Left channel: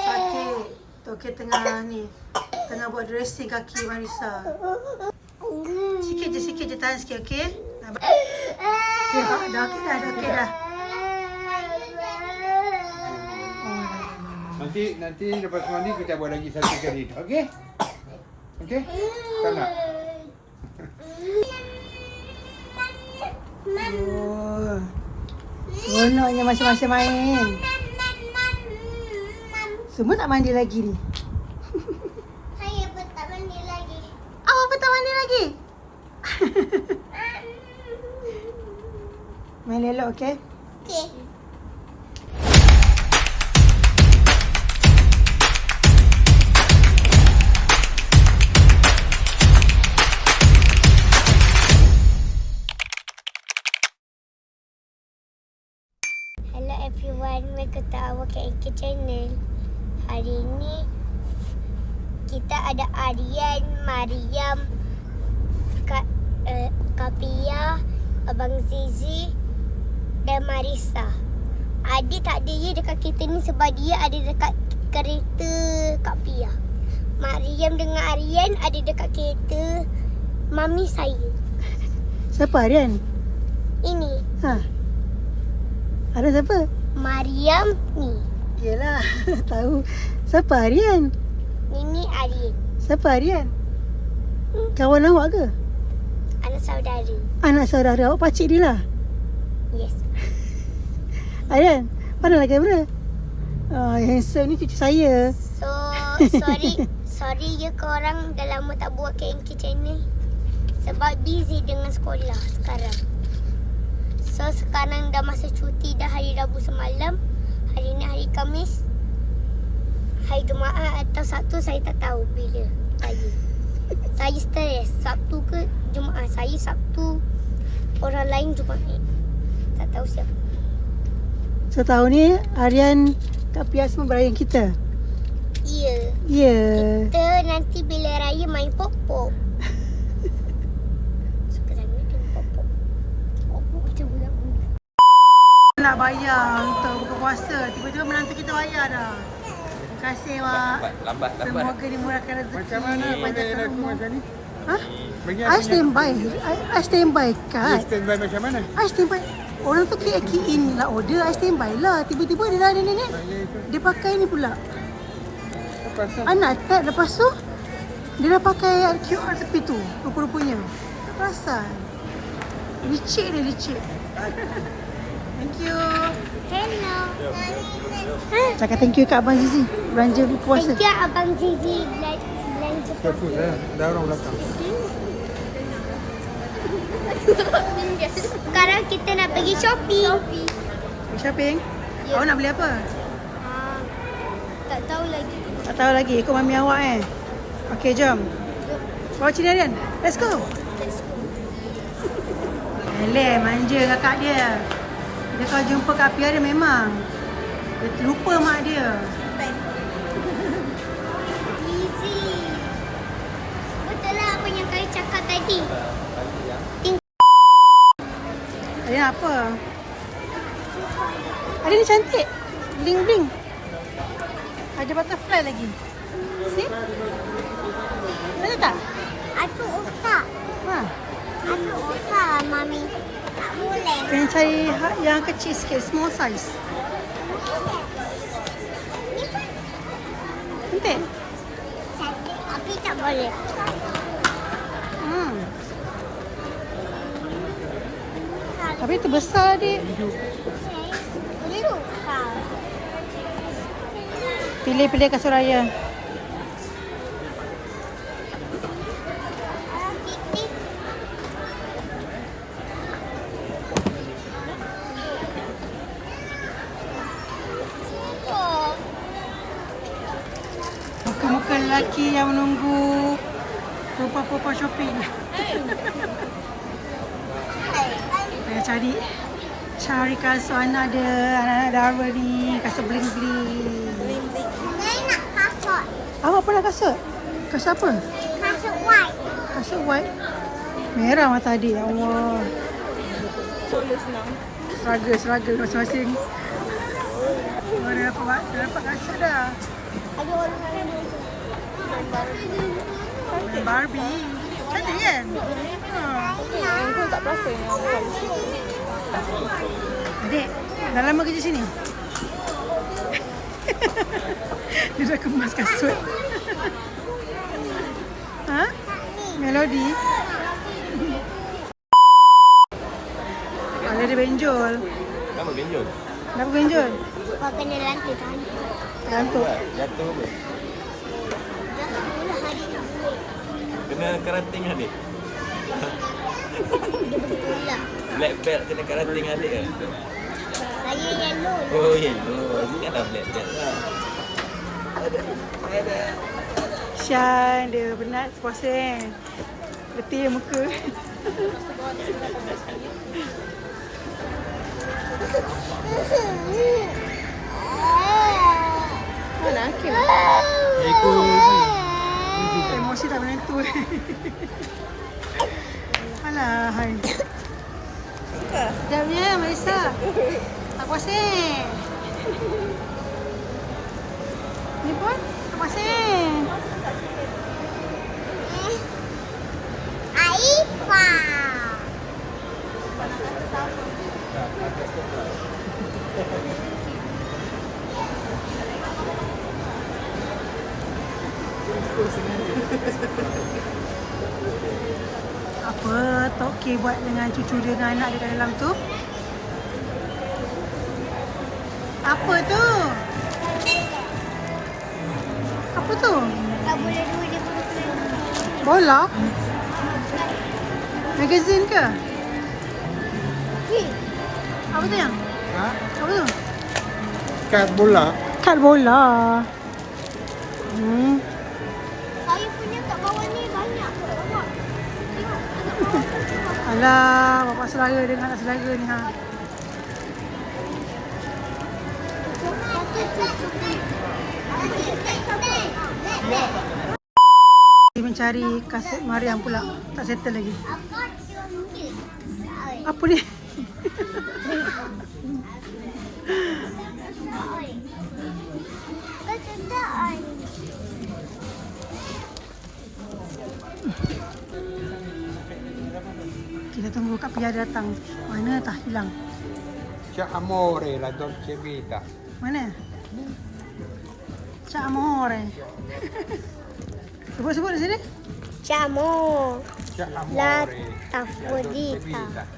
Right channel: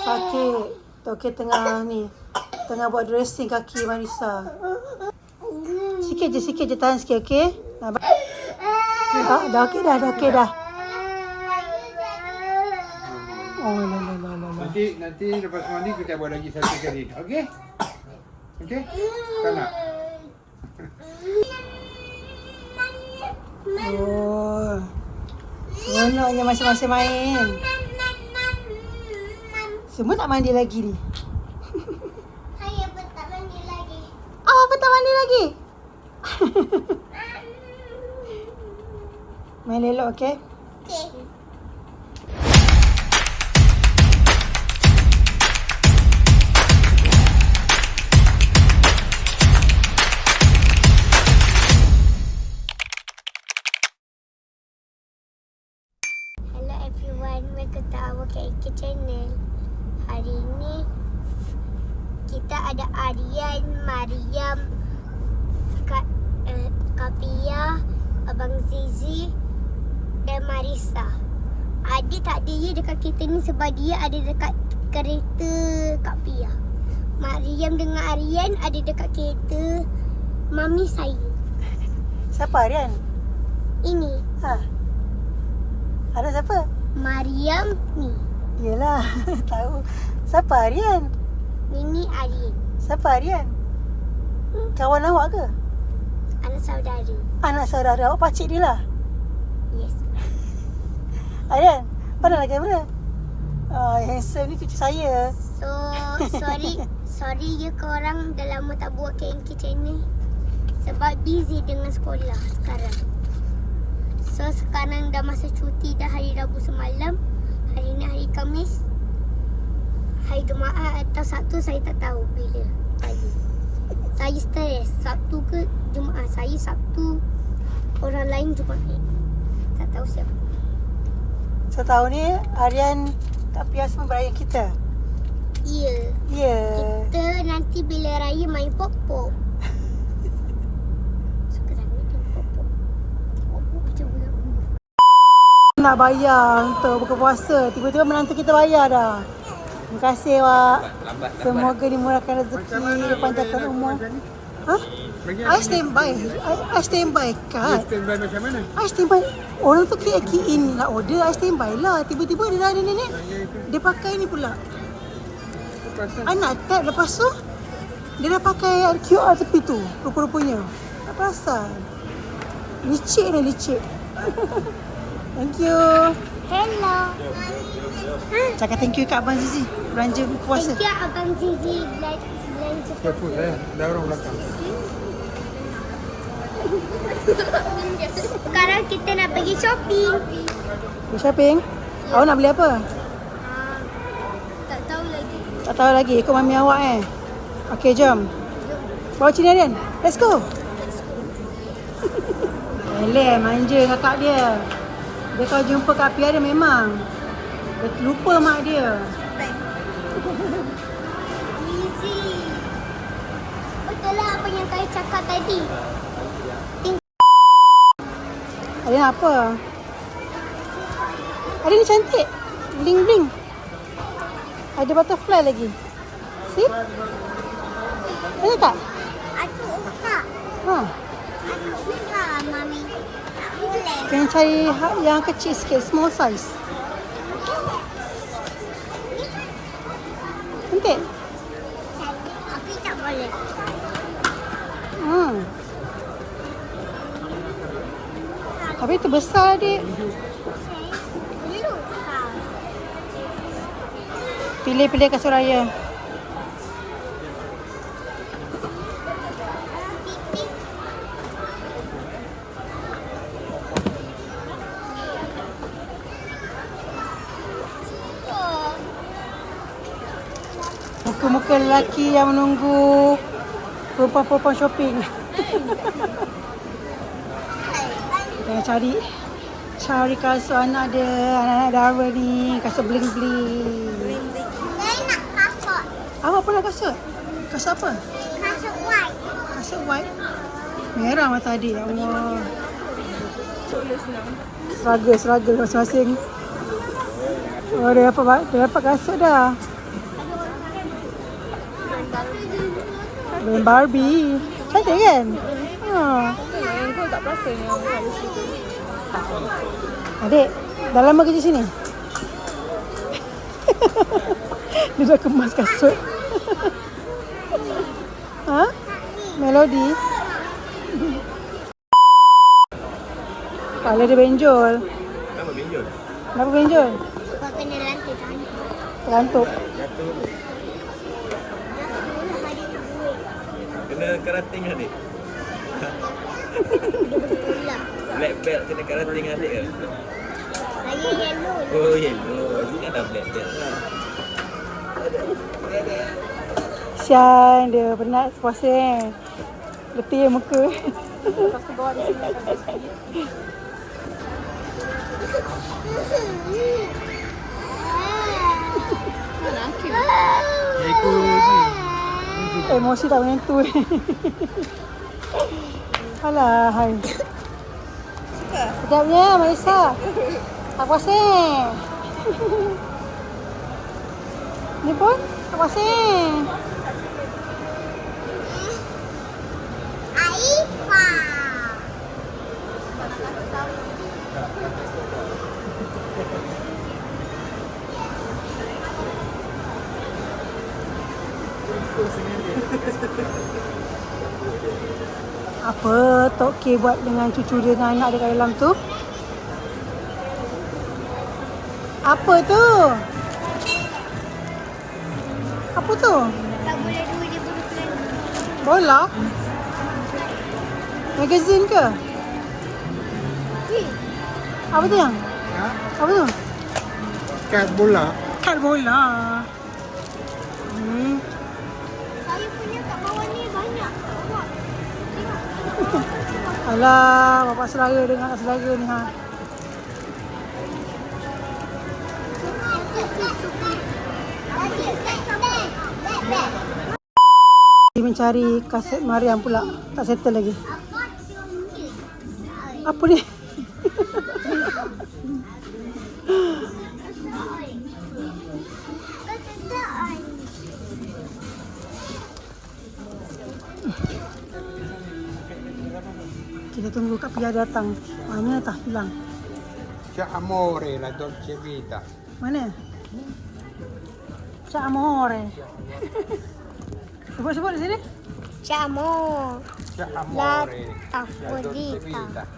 Sakit. Okey, tengah buat dressing kaki Marissa. Sikit je, tahan sikit, okey? Dah okey dah. Oh, Nanti lepas mandi kita buat lagi satu kali. Okey? Okey? Tak nak? Oh. Seronoknya masa-masa main. Semua tak mandi lagi ni. Saya pun tak mandi lagi. Awak pun tak mandi lagi? Main elok, okey? Okey. Hello everyone, welcome to our KK channel. Hari ni kita ada Aryan, Mariam, Kapia, Abang Zizi dan Marissa. Adi tak ada ye dekat kereta ni sebab dia ada dekat kereta Kak Pia. Mariam dengan Aryan ada dekat kereta mami saya. Siapa Aryan? Ini Ha. Ada siapa? Mariam ni. Yelah, tahu. Siapa Aryan? Ini Aryan. Siapa Aryan? Kawan awak ke? Anak saudara. Anak saudara awak, pakcik dia lah. Yes. Aryan, pandanglah kamera. Yang handsome ni cucu saya. So, sorry ya korang dah lama tak buat KNK channel. Sebab busy dengan sekolah sekarang. So, sekarang dah masa cuti dah hari Rabu semalam. Hari ni hari Khamis. Hari Jumaat atau Sabtu saya tak tahu bila saya stres. Sabtu ke Jumaat. Saya Sabtu, orang lain Jumaat. Tak tahu siapa. Setahun ni Aryan Kak Pia semua berayan kita. Ya. Ya. Kita nanti bila raya main pop-pop. Suka sangat dia pop-pop. Pop-pop macam budak-budak. Nak bayar untuk buka puasa. Tiba-tiba menantu kita bayar dah. Terima kasih, Wak. Lambat. Semoga dimurahkan rezeki, panjangkan umur. Ha? Bagi I stand by. I stand by kat. standby macam mana? I stand by. Orang tu key in nak order, I stand by lah. Tiba-tiba dia dah ada nenek. Dia pakai ni pula. Anak tap lepas tu dia dah pakai QR tepi tu. Rupa-rupanya. Tak perasan. Licik. Thank you. Hello. Cakap thank you kat Abang Zizi. Belanja puasa. Thank you Abang Zizi belanja Careful dah orang belakang. Sekarang kita nak pergi shopping. Pergi shopping? Awak nak beli apa? Tak tahu lagi. Tak tahu lagi. Ikut mami awak Okey, jom. Bawa sini Aryan. Let's go. Eleh, manja kakak dia. Dia kalau jumpa Kak Pia dia memang dia lupa mak dia. Easy. Betul lah apa yang kau cakap tadi. Aryan apa? Aryan ni cantik. Bling-bling. Ada butterfly lagi. See? Ada tak? Aku usah. Ha. Aku usah mami. Tak boleh. Kena cari yang kecil sikit, small size. Cantik. Cantik tapi tak boleh. Tapi terbesar adik. Perlu kau. Pilih-pilih kasut raya. Muka-muka lelaki yang menunggu perempuan-perempuan shopping. Tengah cari kasut anak dia, anak-anak Dara ni, kasut bling-bling. Saya nak kasut. Awak pernah kasut? Kasut apa? Kasut white. Kasut white. Merah mata adik, ya Allah. Struggle masing-masing. Oh, dia dapat kasut dah. Ada orang lain. Main Barbie. Cantik kan? Ha. Kau tak perasan yang ada situ. Adik, dah lama kerja sini? Dia dah kemas kasut. Ha? Melody? Kepala dia benjol. Kenapa benjol? Kenapa benjol? Kau kena lantai tangan. Terantuk. Jatuh apa? Dah mula hari duit. Kena kerating adik. Betul lah. Black belt kena kerating adik ke? Saya yellow lah. Oh yellow. Ini kan dah black belt lah. Syan, dia penat puasa letih muka. Mana Hakim? Emosi tak menentu. Alah, hai. Sekejapnya, Marisa. Tak puasa. Ni pun tak puasa. Aifa. Apa Tok K buat dengan cucu dia dengan anak dia kat dalam tu? Apa tu? Apa tu? Tak boleh dua dia baru kena. Bola? Magazine ke? Apa tu yang? Ha? Apa tu? Kad bola. Kad bola. Saya punya kat bawah ni banyak. Bawa. Tengok. Kat bawah tu. Alah, bapak saudara dengan anak saudara ni ha. Dia mencari kasut Mariam pula. Tak settle lagi. Apa dia? Kita tunggu Kak Pia datang. Mana tak hilang? Cak Amore la Dolce Vita. Mana? Cak Amore. Sebut-sebut di sini. Camo. Cak La Amore. Afrodita.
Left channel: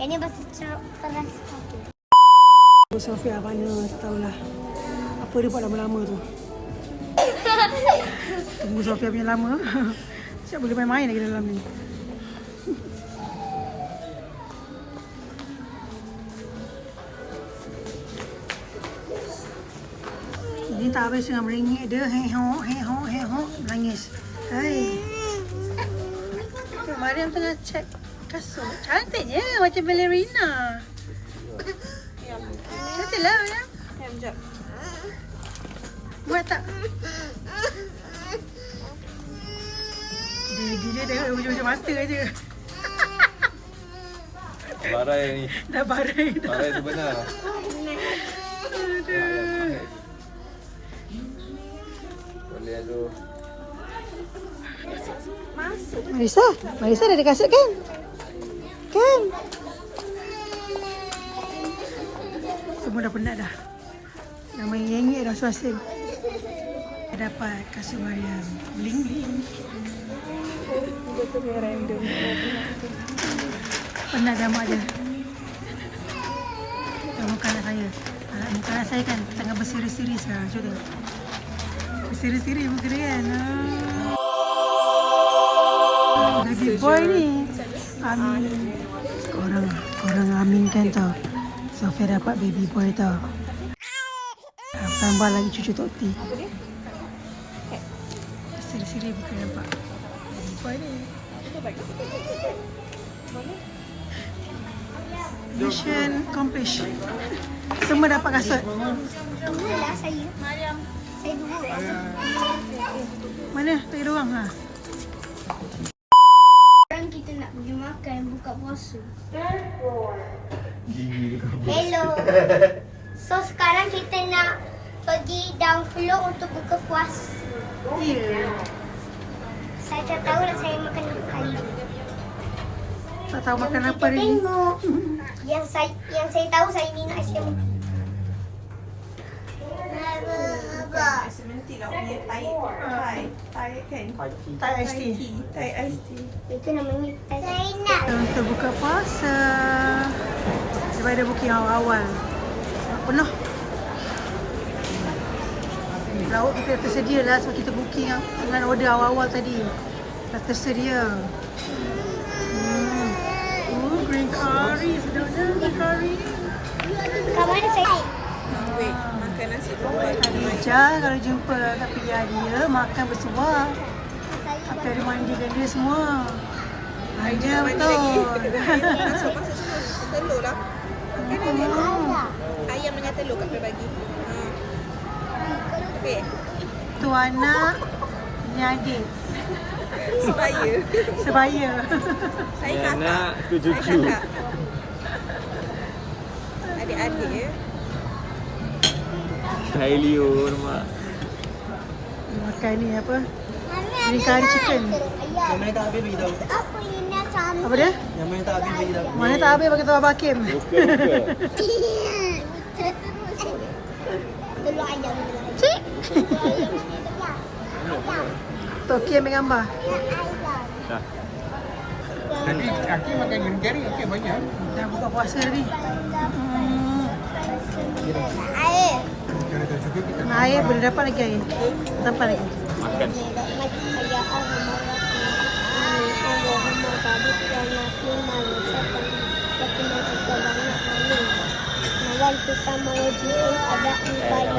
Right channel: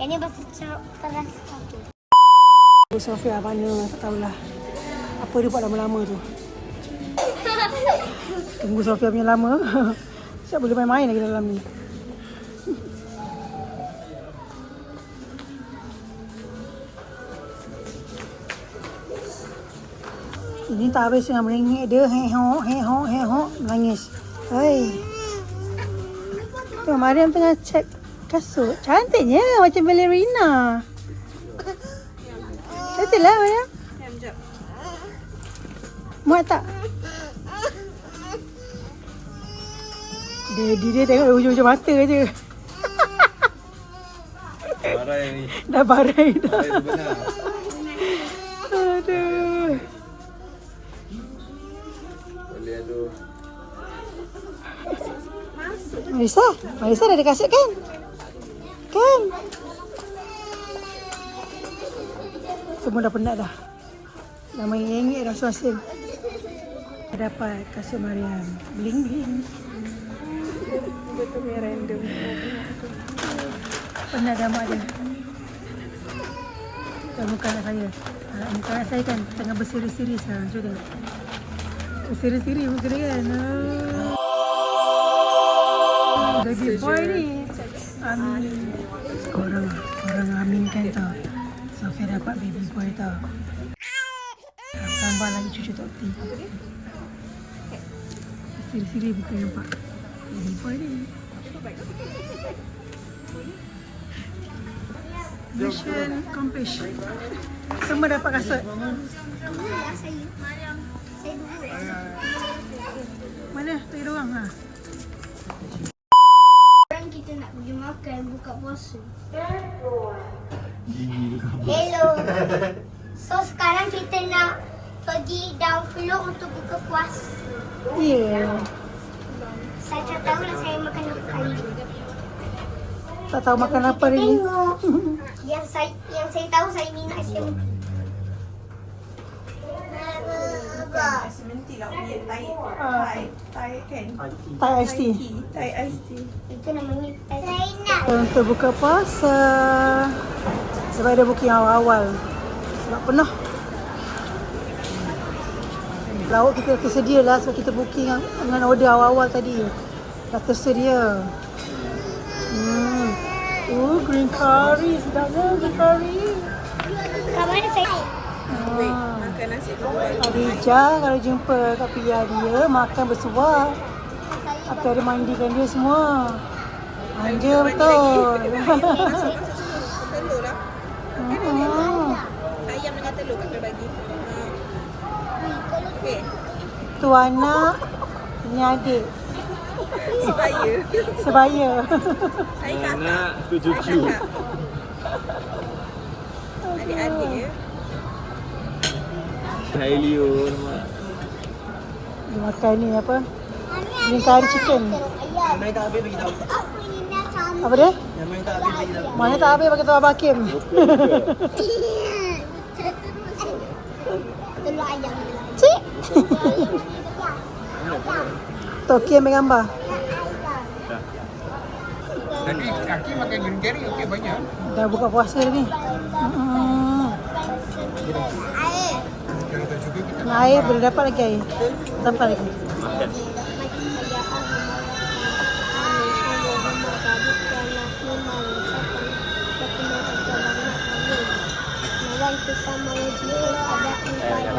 Ini bahasa keras aku. Bu Sofia mana tak tahulah. Apa dia buat lama-lama tu. Tunggu Sofia punya lama. Tak boleh main-main lagi dalam ni. Ini tak habis dengan meringik dia. Hei-ho, menangis. Hai. Mariam tengah cek kasut. Cantiknya macam ballerina. Cantik lah Mariam. Sekejap. Muat tak? Daddy dia tengok hujung-hujung mata je. Barai ni. Dah barai dah. Barai tu benar. Aduh. Boleh tu. Marisa dah ada kasut kan? Kan? Semua dah penat dah. Dah main nyengik dah suasana. Dapat kasut Mariam. Bling-bling. Random. Penat dah mak dia. Tengok muka anak saya. Muka anak saya kan tengah berseri-seri sekarang. Cuba tengok. Berseri-seri muka dia kan. Baby boy ni. Amin. Korang aminkan tau. Sofia dapat baby boy tau. Tambah lagi cucu Tok T. Apa dia? Berseri-seri bukan nampak. Baby boy ni. Mission accomplished. Semua dapat kasut. Dua lah saya. Saya dua. Mana? Tak ada orang ha? Sekarang kita nak pergi makan buka puasa. Hello. So sekarang kita nak pergi down floor untuk buka puasa. Ya. Saya tak tahulah saya makan apa kali ni. Tak tahu makan apa Kita lagi. tengok. Yang saya tahu saya minum ais lembu. Sementi lah punya Thai kan? Thai iced tea. Thai iced tea. Itu namanya saya nak. Kita untuk buka puasa. Sebab ada booking awal-awal. Sebab penuh. Lauk kita tersedia lah. So kita booking dengan order awal-awal tadi. Dah tersedia. Green curry. Sedapnya green curry. Kat mana saya? Wait, makan nasi dulu baru Khadijah kalau jumpa kat pilihan dia makan bersuap. Apa ada mandikan dia semua. Manja betul. masuk semua. Telur lah. Ayam dengan telur kat bagi. Okey. Tu anak, ini adik. Sebaya. Sebaya. Saya kakak. Anak tu Saya cucu. kakak. Adik-adik ya. Leo nama. Dia makan ni apa? Green curry chicken. Yang mana tak habis bagi tahu. Apa ini nak sama? Apa dia? Yang mana tak habis bagi tahu. Mana tak habis bagi tahu Abang Hakim. Telur ayam ni lah. Cik. Telur ayam ni dekat. Tu Hakim ambil gambar. Aki makan green curry okey banyak. Dah buka puasa ni. Air. Nak air boleh dapat lagi air. Dapat lagi. Bersama wajib ada ibadah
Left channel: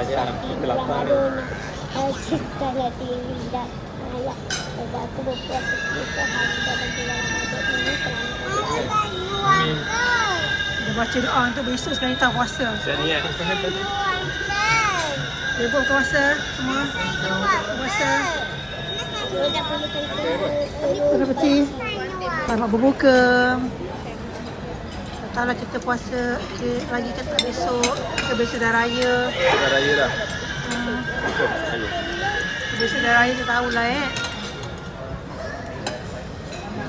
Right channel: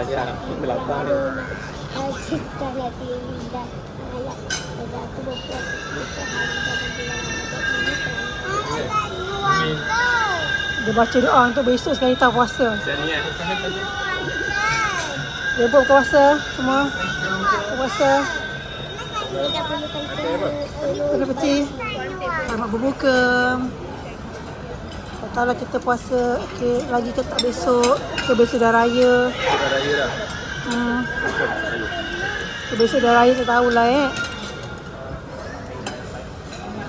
kita lagi tidak ayat pada aku berpuasa bersama pada bulan Ramadan ini kerana Dia baca doa untuk besok sekali tak puasa. Sini eh. Dia buat buka puasa semua. Buka puasa. dia dah perlukan Terima kasih. Selamat berbuka. Tak tahulah kita puasa lagi ke tak besok. Ke besok dah raya. Dah raya dah. Ke besok dah raya tak tahulah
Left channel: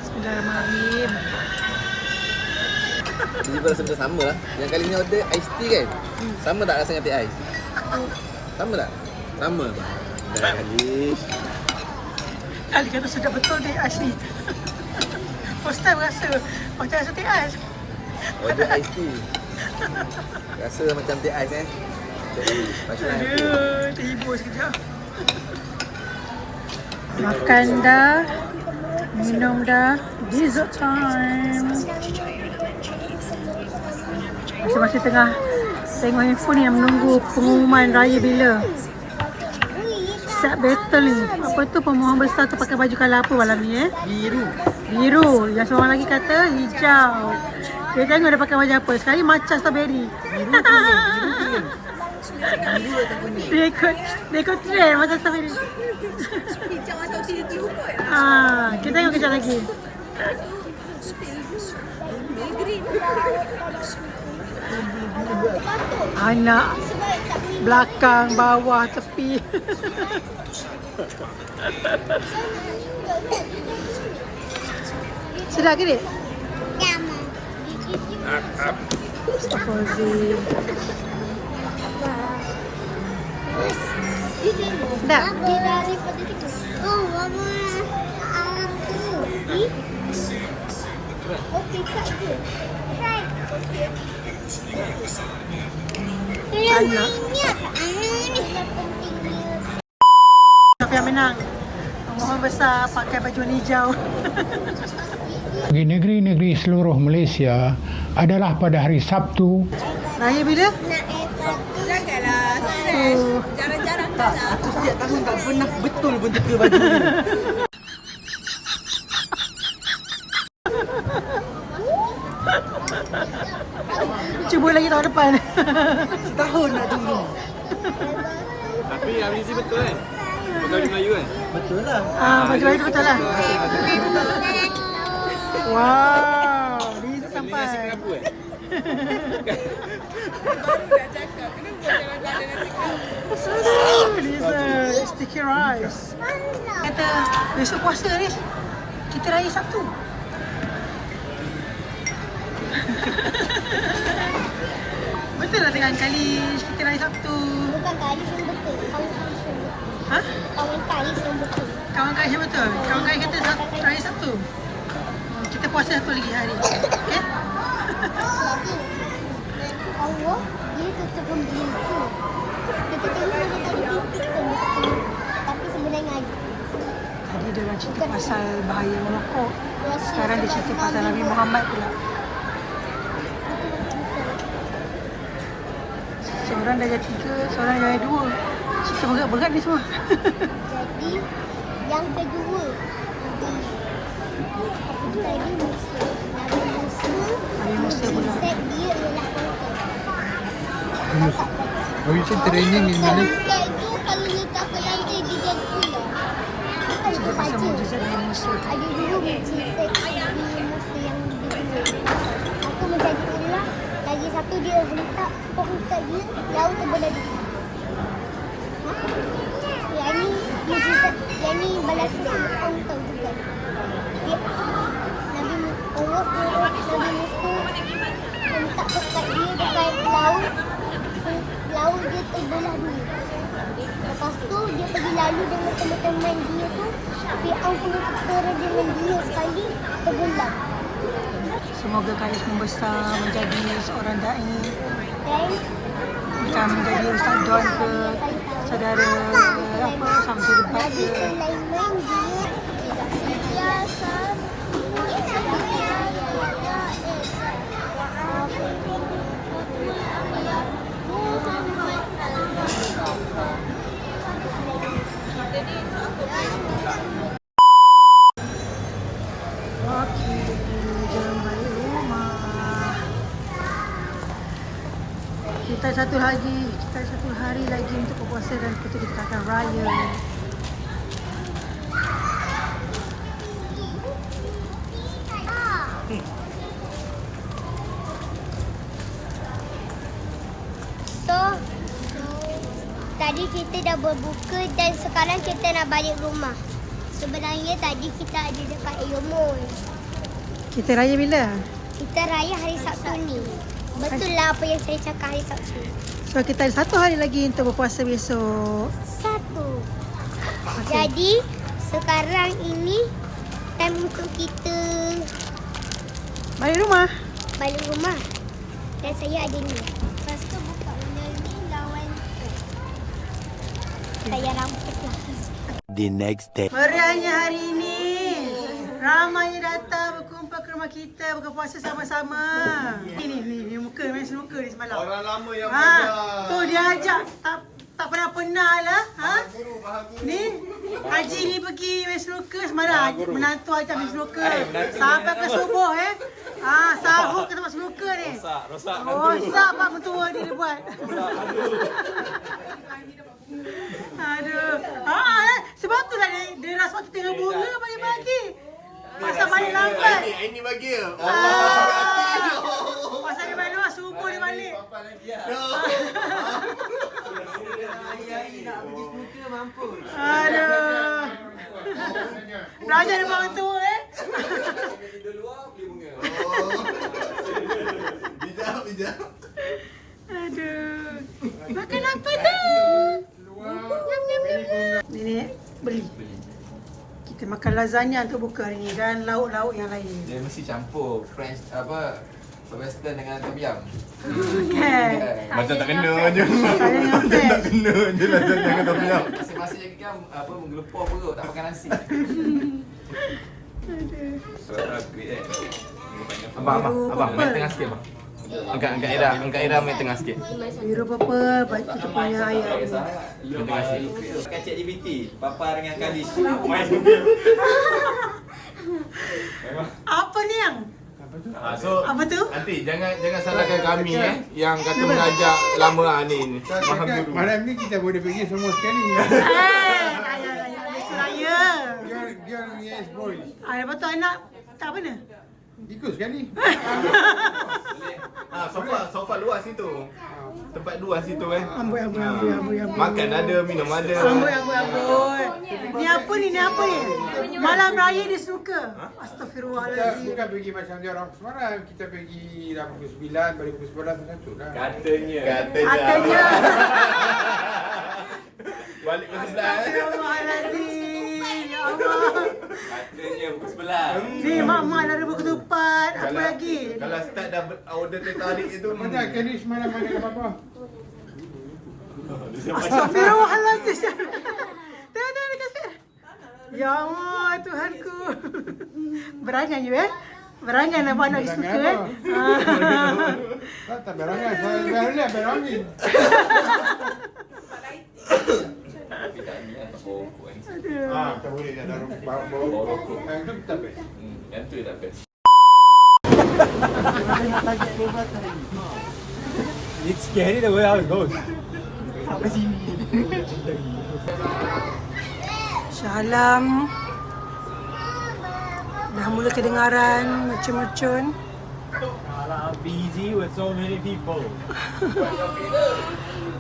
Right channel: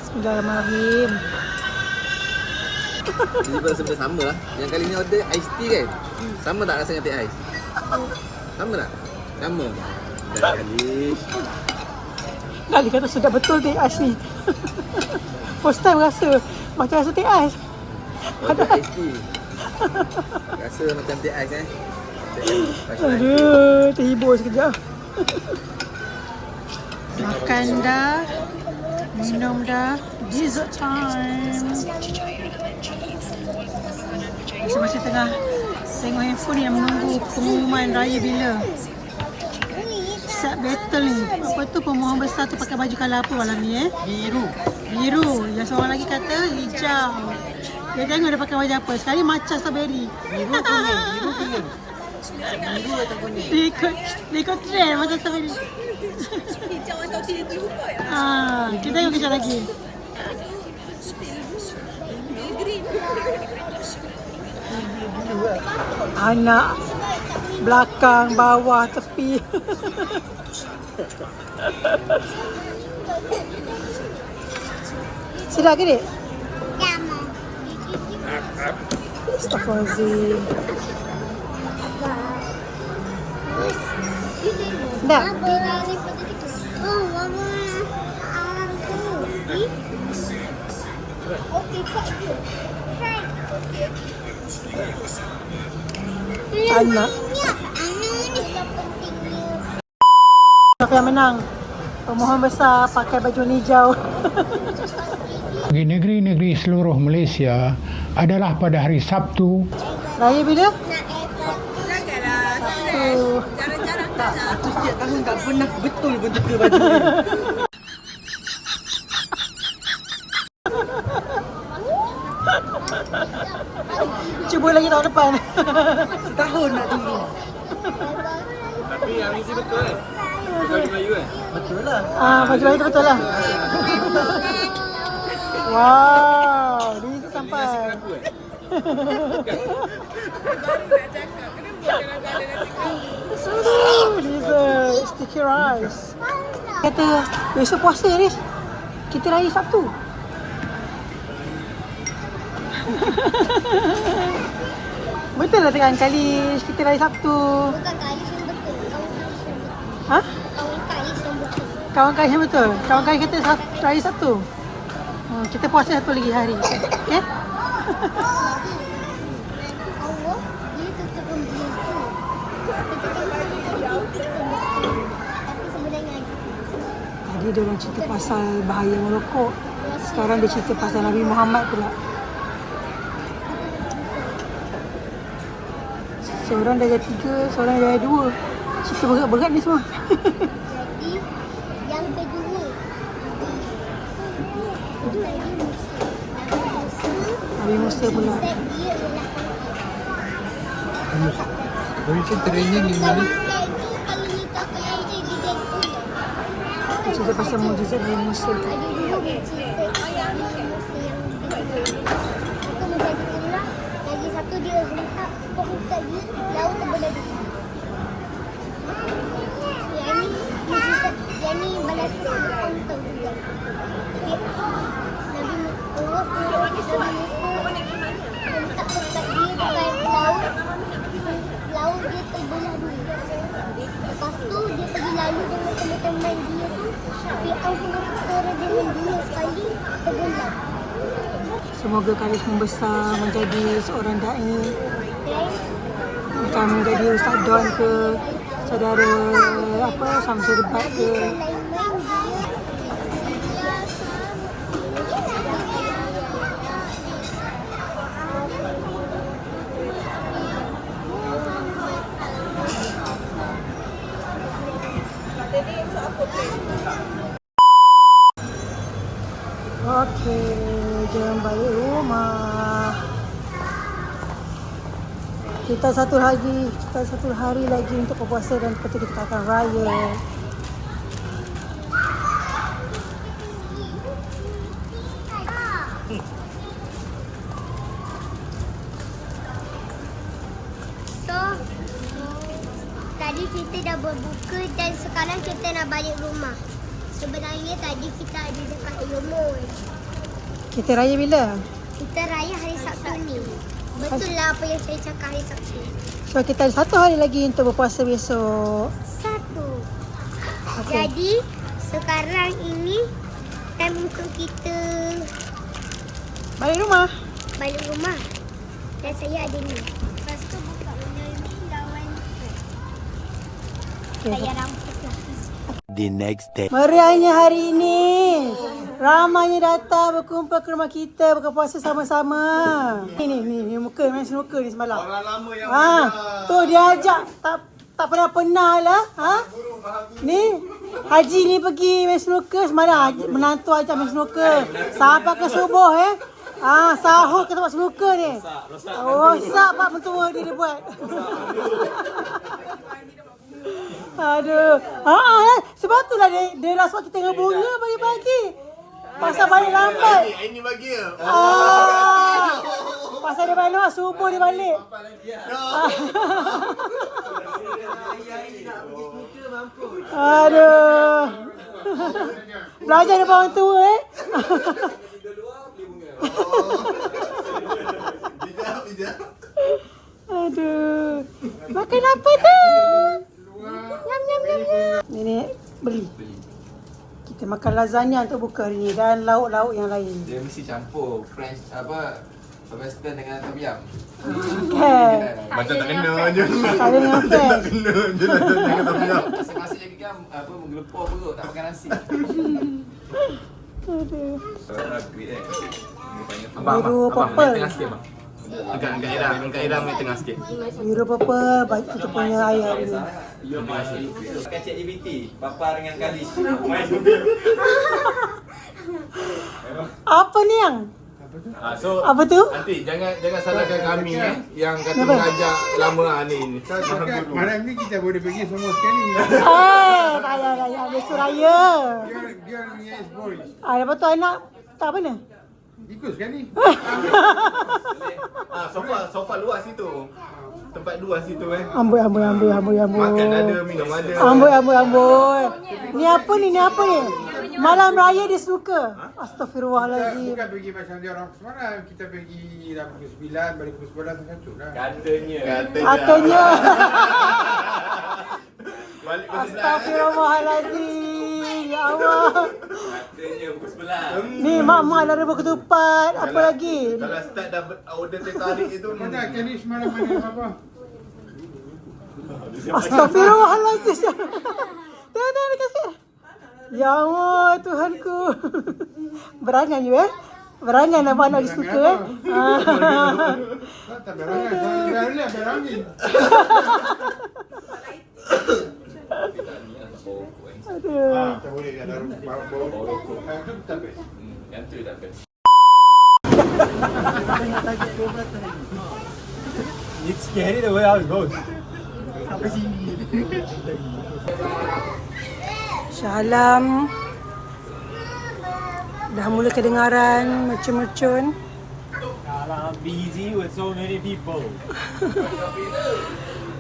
Bismillahirrahmanirrahim. Jadi pada sebenarnya sama lah. Yang kali ni order iced tea kan? Sama tak rasanya teh ais? Sama tak? Sama. Dah kali. Dia kata sedap betul teh ais ni. First time rasa macam rasa teh ais. Order iced tea. Rasa macam teh ais eh. Aduh, terhibur sekejap. Makan dah, minum dah, dessert time. Masih tengah tengok handphone ni, menunggu pengumuman raya bila. Siap battle ni. Apa tu pemohon besar tu pakai baju colour apa malam ni Biru. Yang seorang lagi kata hijau. Dia tengok dia pakai baju apa. Sekali macam strawberry. Biru kuning. Biru atau kuning? Dia ikut trend macam strawberry. Hijau atau tiru kot. Kita tengok kejap lagi. Green. Anak belakang, bawah, tepi. Sedap ke, Dek? Astaghfirullahaladzim. Sedap? Oh, mama. Aku. Okey, Kak. Anak. Siapa yang menang? Pemohon besar pakai baju hijau. Bagi negeri-negeri seluruh Malaysia adalah pada hari Sabtu. Raya bila? Janganlah Sabtu. jarang-jarang kan. Aku setiap tahun tak pernah betul pun teka baju ni. Cuba lagi tahun depan. Setahun nak tunggu. Tapi yang Rizie betul kan? Baju Melayu kan? Betul lah. Baju itu betul lah. Wow, ini sampai. Baru nak cakap. Kenapa kadang-kadang nak cakap? Aduh, this sticky rice. Kata besok puasa ni. Kita raya Sabtu. Betul lah tengah kali kita raya Sabtu. Bukan kali yang betul. Kawan kali yang betul. Ha? Kawan kali yang betul. Kawan-kawan yang betul. Kawan-kawan kita raya Sabtu. Kita puasa satu lagi hari. Okay? Allah, dia tutup pintu. Kita tengok dia tadi titik kan. Tapi sebenarnya Tadi dia orang cerita pasal bahaya merokok. Sekarang dia cerita pasal Nabi Muhammad pula. Seorang dah jadi 3, seorang dah jadi 2. Cerita berat-berat ni semua. jadi yang kedua. Tadi Musa. Nabi Musa pula. Set dia ialah angkat. Oh, itu training ni mana? Angkat tu kalau letak ke lantai dia jadi ular. Cerita pasal mujizat Nabi Musa. Ada dulu mujizat Nabi Musa yang kedua. Itu menjadi ular. Lagi satu dia hentak penghentak dia laut terbelah dua. Yang ni mujizat, yang ni balas Fir'aun tahu juga. Nabi Allah suruh Nabi Musa hentak dekat dia dekat laut. Laut dia terbelah dua. Lepas tu dia pergi lalu dengan teman-teman dia tu. Fir'aun punya tentera dengan dia sekali tergelam. Semoga Karis membesar menjadi seorang da'i. Dan Bukan menjadi Ustaz Don ke saudara apa Samsul Debat Nabi ke. Sulaiman dia Okey, jom balik rumah. Kita satu hari lagi untuk berpuasa dan lepas tu kita akan raya. So, tadi kita dah berbuka dan sekarang kita nak balik rumah. Sebenarnya tadi kita ada dekat Yomol. Kita raya bila? Kita raya hari Sabtu ni. Betul lah apa yang saya cakap hari Sabtu. So kita ada satu hari lagi untuk berpuasa besok. Satu. Okey. Jadi, sekarang ini time untuk kita Balik rumah. balik rumah. Dan saya ada ni. Lepas tu buka benda ni lawan saya rambut lah. The next day. Meriahnya hari ini. Ramainya datang berkumpul ke rumah kita buka puasa sama-sama. Ni muka main snooker ni semalam. Orang lama yang tu dia ajak tak pernah lah. Ha? Ni Haji ni pergi main snooker semalam. Menantu ajak main snooker. Sampai ke subuh sahur ke tempat snooker ni. Rosak pak mentua dia buat. Aduh. Sebab tu lah dia rasa kita tengah bunga pagi-pagi. Pasal balik lambat. Ini bagi ya. Pasal dia balik subuh dia balik. Aduh. Belajar daripada orang tua Bijak. Aduh. Makan apa tu? Nenek beli. Kita makan lasagna untuk buka hari ni dan lauk-lauk yang lain. Dia mesti campur French Western dengan tom yum. Okay. Macam tak kena je. Saya dengan French. Kena je dengan tom yum. Masing-masing lagi kan menggelepar perut tak makan nasi. Aduh. Biru purple. Angkat Ira main tengah sikit. Biru purple baik kita punya ayam. Tengah sikit. Kan ChatGPT, Papa dengan Kalish. Apa ni yang? So Apa tu? nanti jangan salahkan kami yang kata mengajak lama ni. Malam ni kita boleh pergi semua sekali. Raya besok raya. Girl yes boys. Lepas tu anak tak apa ni? Ikut sekali. Sofa luar situ. Tempat luar situ Amboi. Makan ada, minum ada. Amboi. Ni apa ni? Malam raya dia suka. Astaghfirullahalazim. Bukan pergi macam dia orang semalam. Kita pergi dah pukul 9, balik pukul 11 satu lah. Katanya. Balik pukul 9. Astaghfirullahalazim. Ya Allah. Katanya pukul 11. Ni mak dah rebus ketupat. Apa lagi? Kalau start dah order teh tarik itu. Mana kali semalam mana apa? Astaghfirullahalazim. Tengok kasih. Ya Allah, Tuhanku. Berangan you Berangan nampak anak dia suka Tak berangan. Saya dah berangin. Aduh. Tak boleh dah bau rokok. Itu tak best. Yang tu tak best. It's scary the way how it goes. Syalam. Dah mula kedengaran mercun-mercun. Busy with so many people.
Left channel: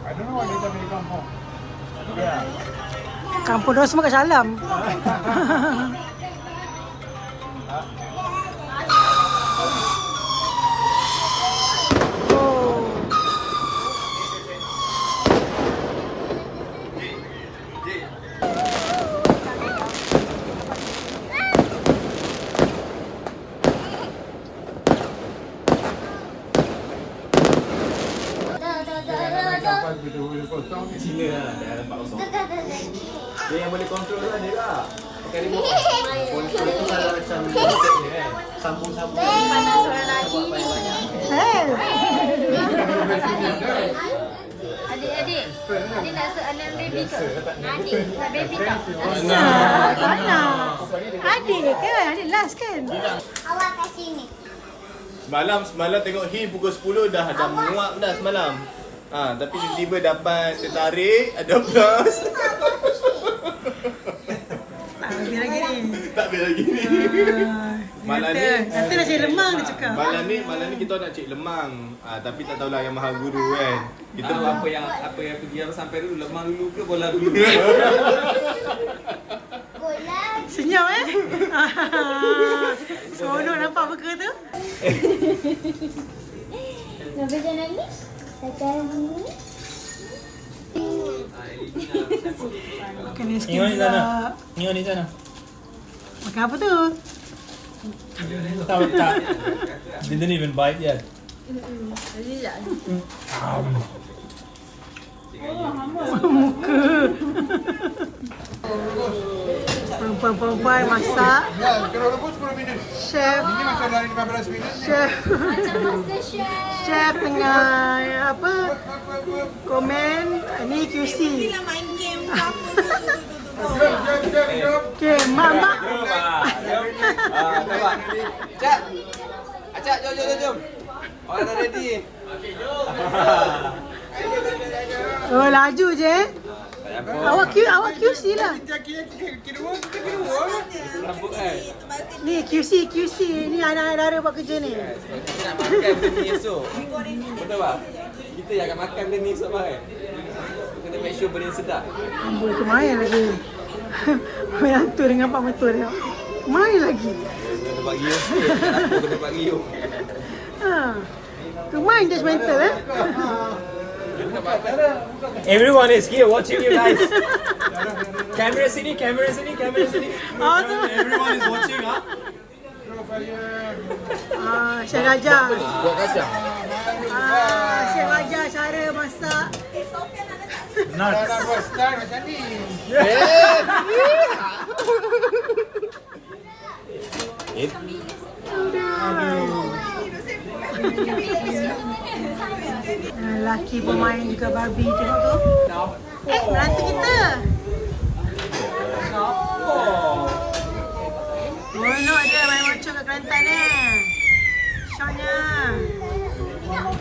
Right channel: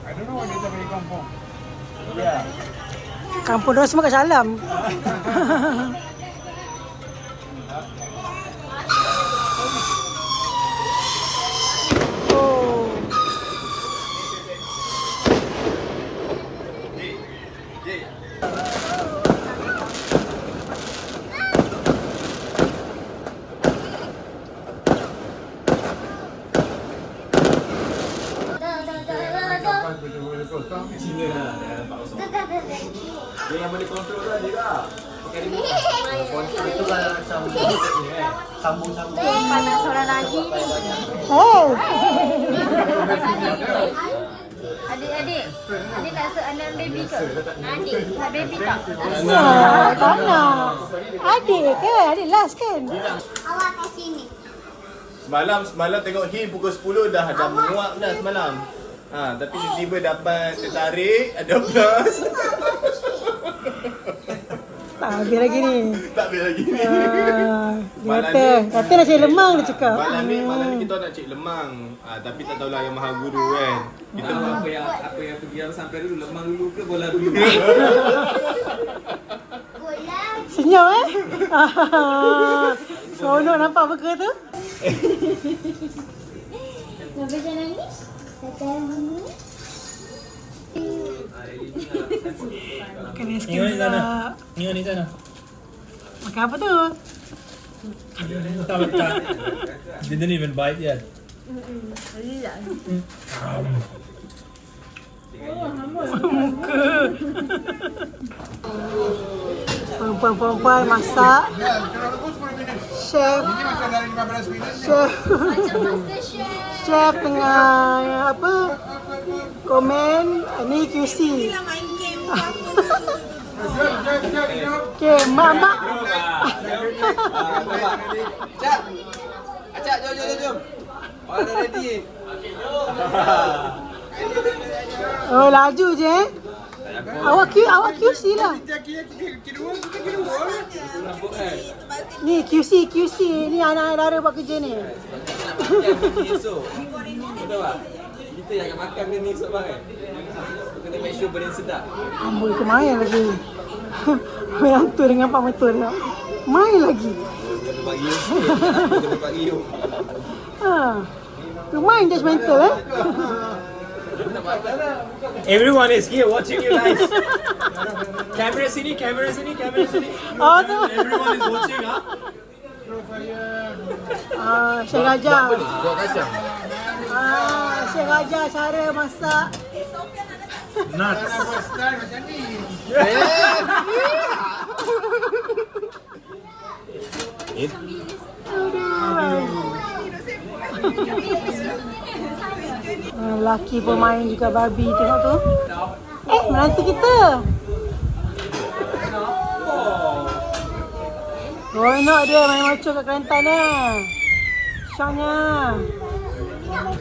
I don't know what they tell me kampung. Yeah. Kampung dia semua kat Syalam. Oh. Cina lah dia nampak kosong. Dia yang boleh kontrol lah dia lah. Pakai remote. Kontrol tu kan macam headset ni Sambung-sambung. Panas orang lagi ni. Hey. Adik nak anak baby ke? Adik baby tak? Tak nak. Adik kan? Adik last kan? Awak kat sini. Semalam tengok Him pukul 10 dah menguap dah semalam. Tapi tiba-tiba dapat tertarik, ada plus. Tak habis lagi ni. Tak habis lagi ni. Malam ni Kata nak cari lemang dia cakap. Malam ni kita nak cek lemang. Tapi tak tahulah yang Maha Guru kan. Kita Apa yang pergi harus sampai dulu, lemang dulu ke bola dulu? Bola. Senyum Seronok nampak muka tu. Kenapa jangan nangis? Sekarang ni. Makan aiskrim pula. Ingat di sana. Makan apa tu? Tak. Didn't even bite yet. Perempuan-perempuan masak. Ya, kalau rebus 10 minit. Chef. Ini macam dari 15 minit. Chef tengah apa? Komen. Ni QC. Main game ke apa Jom. Okay, mak. Cak! Acak, jom. Orang dah ready. Oh, laju je Awak QC lah. Kira Rambut kan? Ni QC. Ni anak dara buat kerja ni. Makan benda ni esok. Betul tak? Kita yang akan makan benda ni esok kan? Kena make sure benda ni sedap. Amboi kemain lagi. Yang tu dengan Pak Mentua tengok. Main lagi. Kena dapat gium sikit. Kena dapat gium. Kemain judgemental Everyone is here watching you guys. Camera sini. Oh tu. Everyone is watching, Syekh Raja. buat kacang. Syekh Raja cara masak. Nuts. style macam ni. Lelaki pemain juga babi tengok tu. Menantu kita. Seronok dia main macam kat Kelantan Syoknya.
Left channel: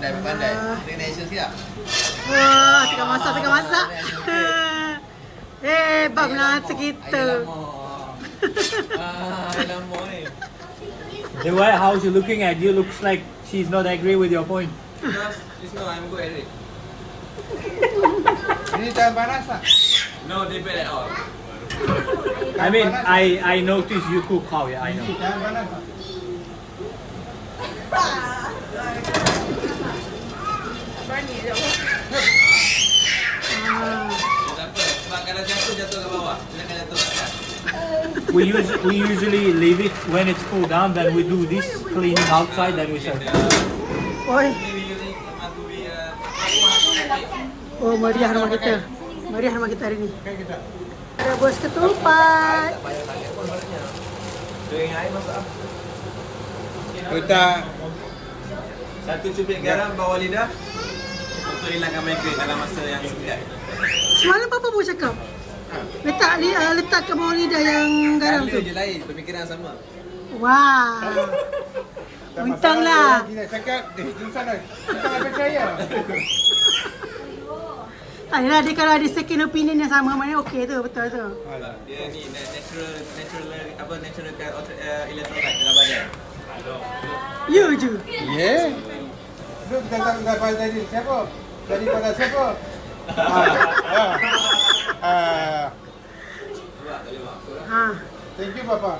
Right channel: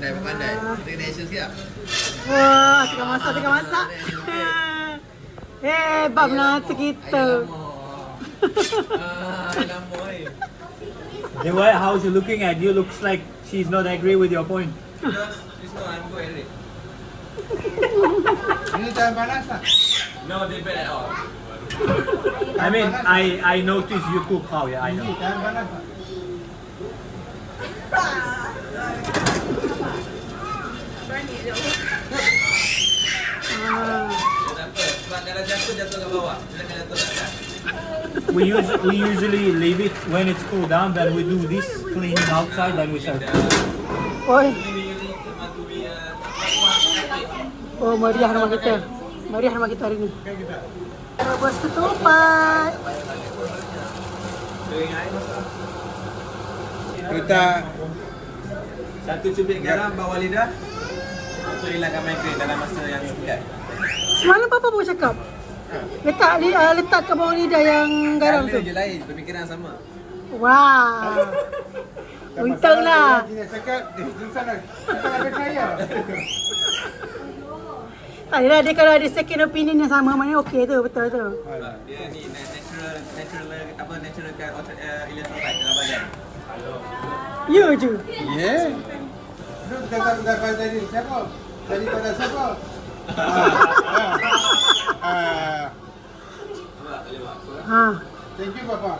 Pandai. Kita kena action sikit tak? Tengah masak. Hebat menantu kita. Alamak ni. The way how she's looking at you looks like she's not agree with your point. Because she's not, I'm good at it. Ini jangan panas lah. No, they bad at all. I mean, I noticed you cook how, yeah, I know. Jangan panas lah. Dia tak apa. Sebab kalau jatuh ke bawah. Dia akan jatuh kat atas. We usually leave it when it's cool down, then we do this cleaning outside, then we serve. Oi. We want to be Oh, meriah rumah kita. Meriah rumah kita hari ni. Rebus ketupat. Kita Satu cubit garam bawah lidah untuk hilangkan migraine dalam masa yang singkat. Semalam Papa pun cakap. Letak ke bawah lidah yang garam Colour tu. je lain, pemikiran sama. Wah. Untunglah. Kita cakap, susah dah. Kita nak percaya. Ayolah, dia kalau ada second opinion yang sama, mana okey tu, betul tu. Dia ni natural kan electrolyte dalam badan. You je. Ya. Lu kita pada tadi siapa? Daripada siapa? Ha. Thank you, Papa.